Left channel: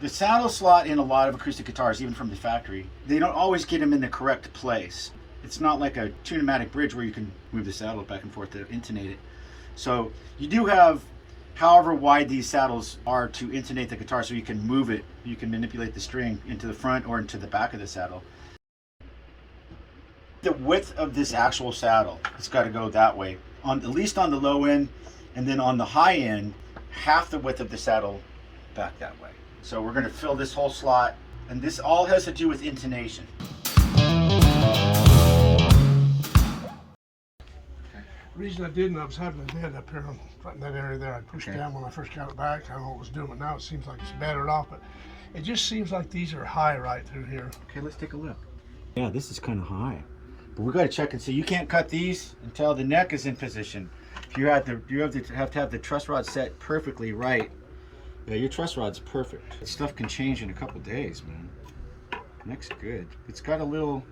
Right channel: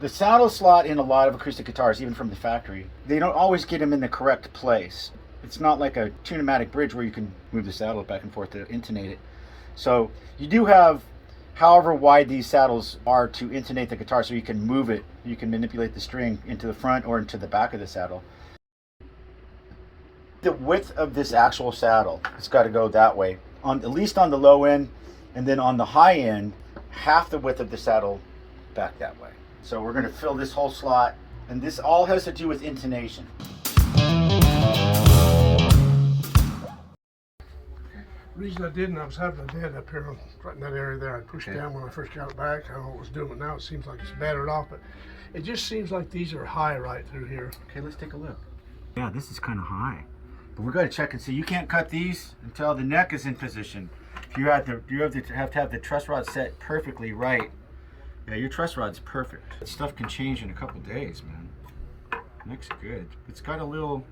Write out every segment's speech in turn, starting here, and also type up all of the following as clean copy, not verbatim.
The saddle slot in a lot of acoustic guitars, even from the factory, they don't always get them in the correct place. It's not like a tune-o-matic bridge where you can move the saddle back and forth to intonate it. So you do have however wide these saddles are to intonate the guitar, so you can move it, you can manipulate the string into the front or into the back of the saddle. The width of this actual saddle, it's got to go that way, at least on the low end, and then on the high end, half the width of the saddle back that way. So we're going to fill this whole slot, and this all has to do with intonation. The reason I didn't, I was having a dead up here, right in that area there. I pushed down when I first got it back. I don't know what was doing it now. It seems like it's battered off, but it just seems like these are high right through here. Okay, let's take a look. Yeah, this is kind of high, but we got to check and see. You can't cut these until the neck is in position. You have to have the truss rod set perfectly right. Yeah, your truss rod's perfect. This stuff can change in a couple days, man. Neck's good. It's got a little.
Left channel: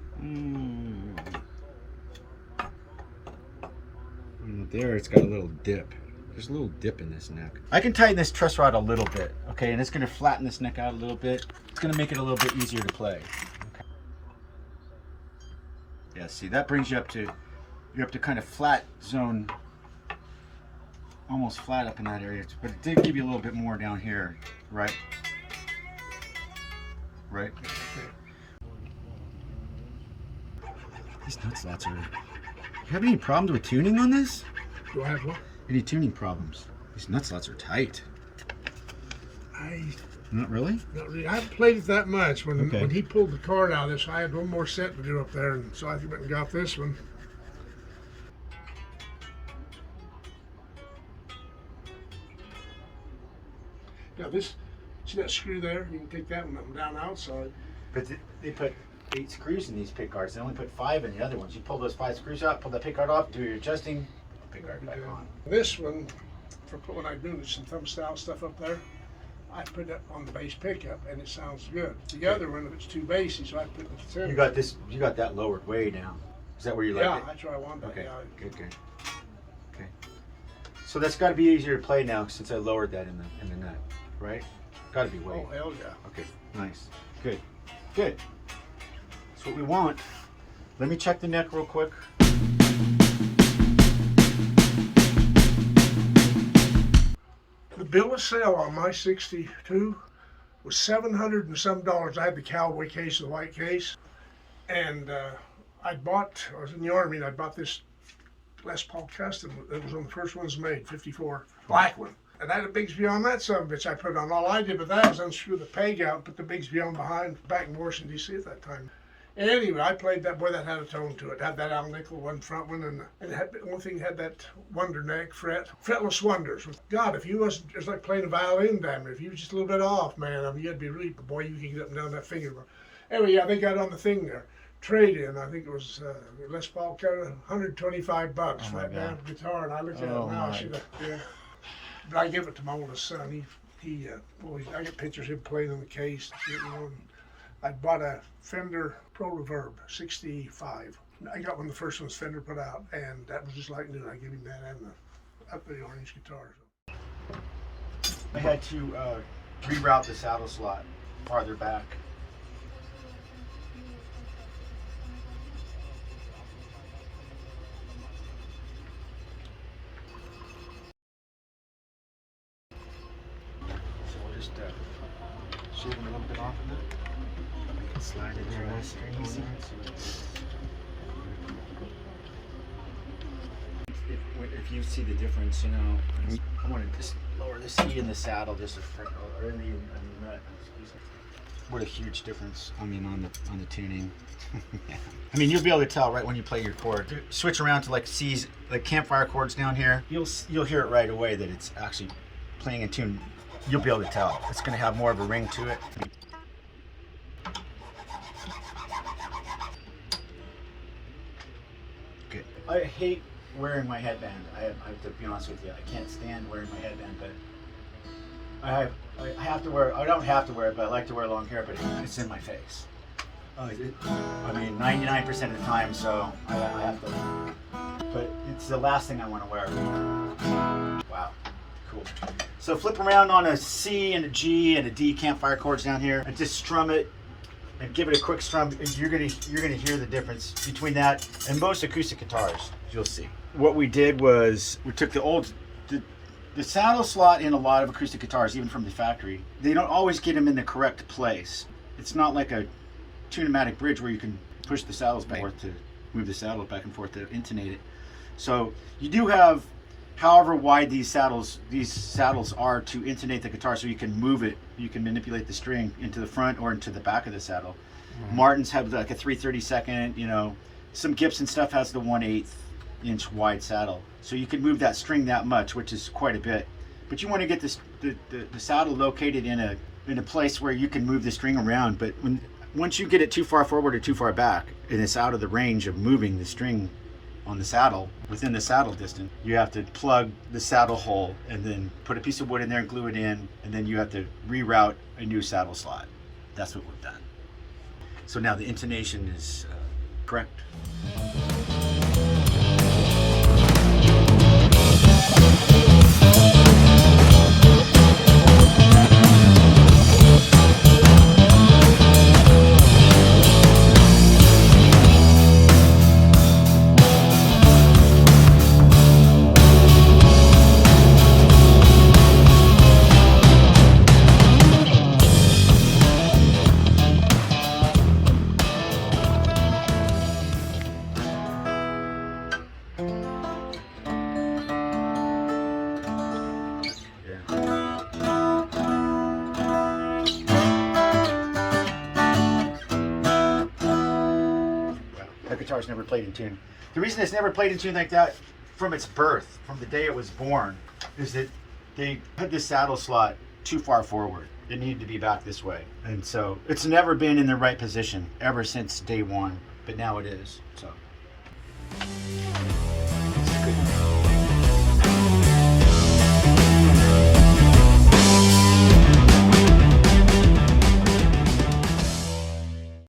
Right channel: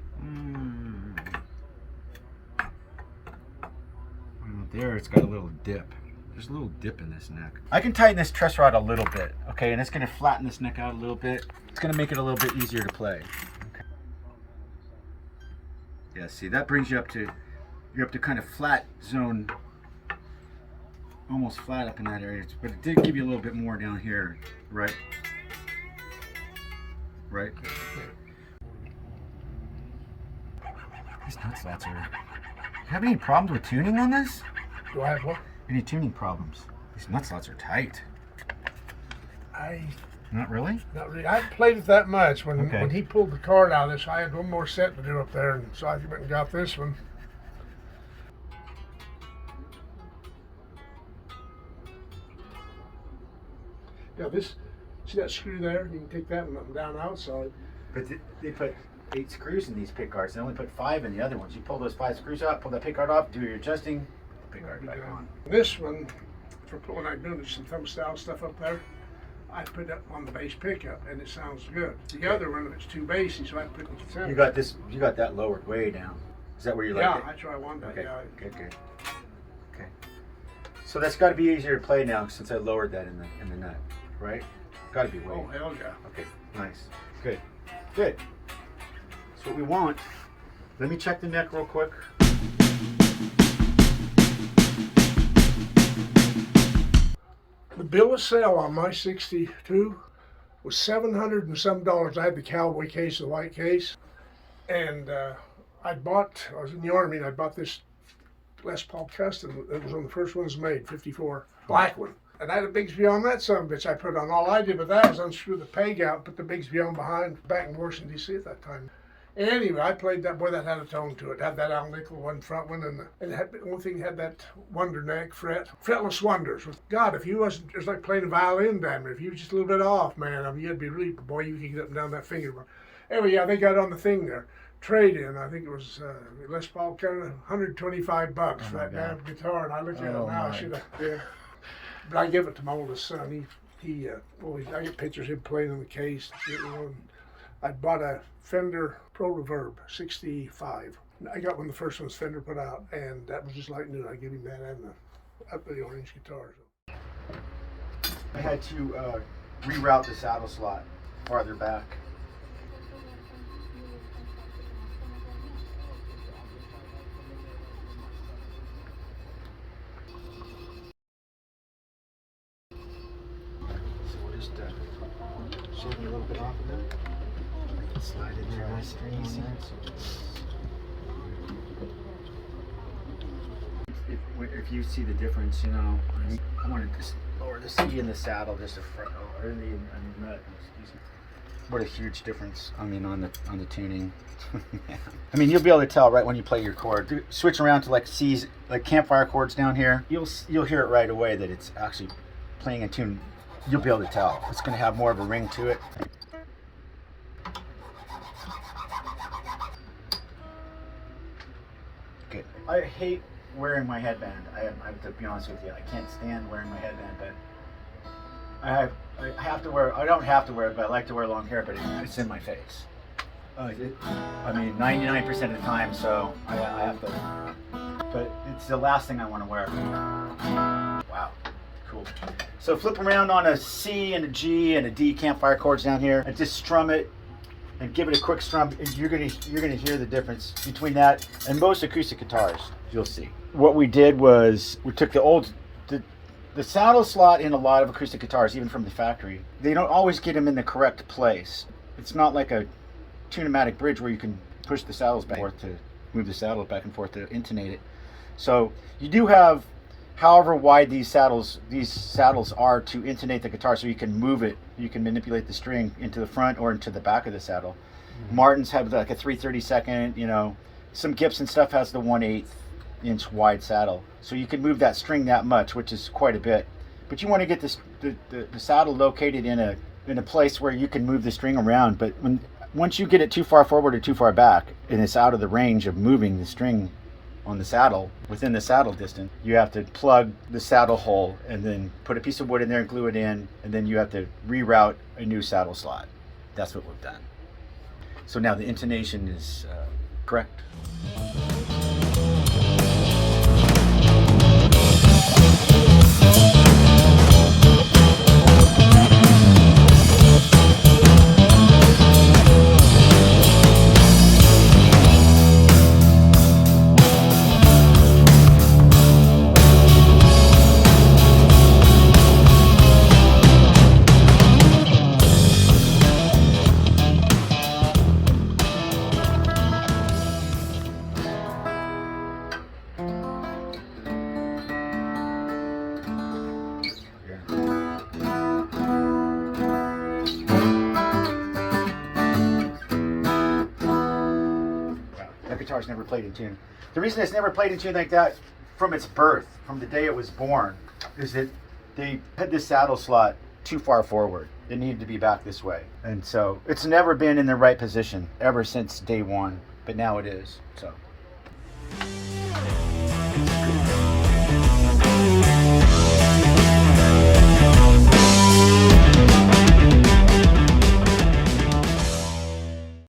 There, it's got a little dip. There's a little dip in this neck. I can tighten this truss rod a little bit, okay, and it's going to flatten this neck out a little bit. It's going to make it a little bit easier to play. Okay. Yeah, see, that brings you up to, you're up to kind of flat zone, almost flat up in that area, but it did give you a little bit more down here, right? Right? These nut slots are. You have any problems with tuning on this? Do I have what? Any tuning problems? These nut slots are tight. Not really? Not really. I haven't played it that much. When he pulled the card out of this, I had one more set to do up there, and so I went and got this one. Now this, see that screw there? You can take that one up and down outside. But they put 8 screws in these pick guards. They only put 5 in the other ones. You pull those 5 screws out, pull that pick guard off, do your adjusting, pick guard back on. This one, for pulling out doing some thumb style stuff up there, I put it on the bass pickup and it sounds good. The other one, it's too bassy, so I put it in the center. You got this. You got that lowered way down. Is that where you like it? Yeah, that's where I want that. Okay. Yeah. Okay. So that's got to be easier to play now since I lowered that in the net, right? Got to be way. Oh hell yeah. Okay. Nice. Good. Good. That's what we want. Let me check the neck real quick. The bill of sale on my 62 was $700 and some. I had the cowboy case, the white case, and I was in the Army and I bought this Les Paul Custom. It was one of the first ones made, 54, black one. And I had a Bigsby on that son of a bitch I put on. All I did with that was unscrew the peg out and put the Bigsby on behind, back in Washington, D.C. at that time. Anyway, I played that. Boy, that had a tone to it. Had that Al Nickel one front one, and it had, one thing had that Wonder neck fret, fretless Wonders. God, if you wasn't, it was like playing a violin, damn it. If you were just a little bit off, man, I mean, you'd be really, boy, you could get up and down that finger. Anyway, yeah, they got on the thing there. Trade in, I think it was Les Paul, $125 for that damn guitar, and I looked at it now. I should have, yeah. But I give it to my oldest son. He always, I get pictures of him playing in the case. You know, and I bought a Fender Pro Reverb 65. I got one of the first ones Fender put out, and that was just like new. I gave him that and the orange guitars. I had to reroute the saddle slot farther back. So we'll just shave a little bit off of that. Slide it through the screen. If you see the difference, you know, I want to just lower the seat in the saddle just a front, or in the nut. Excuse me. What a huge difference! I mean, on the tuning. I mean, you'll be able to tell right when you play your chord. Switch around to like C's, like campfire chords down here. You'll hear it right away that it's actually playing in tune. You'll be able to tell. It's going to have more of a ring to it. Good. I hate wearing my headband. I have to be honest with you. I can't stand wearing my headband, but I have to wear. I don't have to wear it, but I like to wear long hair. But it's in my face. I mean, 99% of the time. So I have to. but it's the last thing I want to wear. Wow, cool. So flip around on a C and a G and a D campfire chords down here, and just strum it and give it a quick strum. And you're gonna hear the difference between that and most acoustic guitars. You'll see. What we did was we took the saddle slot in a lot of acoustic guitars, even from the factory. They don't always get them in the correct place. It's not like a tune-o-matic bridge where you can push the saddles back and forth to move the saddle back and forth to intonate it. So you do have, however wide these saddles are to intonate the guitar, so you can move it, you can manipulate the string into the front or into the back of the saddle. Martins have like a 3/32, you know. Some Gibson stuff has the 1/8 inch wide saddle, so you can move that string that much, which is quite a bit. But you want to get this the saddle located in a place where you can move the string around. But once you get it too far forward or too far back, and it's out of the range of moving the string on the saddle, within the saddle distance, you have to plug the saddle hole and then put a piece of wood in there, glue it in, and then you have to reroute a new saddle slot. That's what we've done. So now the intonation is correct. That guitar's never played in tune. The reason it's never played in tune like that from its birth, from the day it was born, is that they had this saddle slot too far forward. It needed to be back this way. And so it's never been in the right position ever since day one, but now it is. So.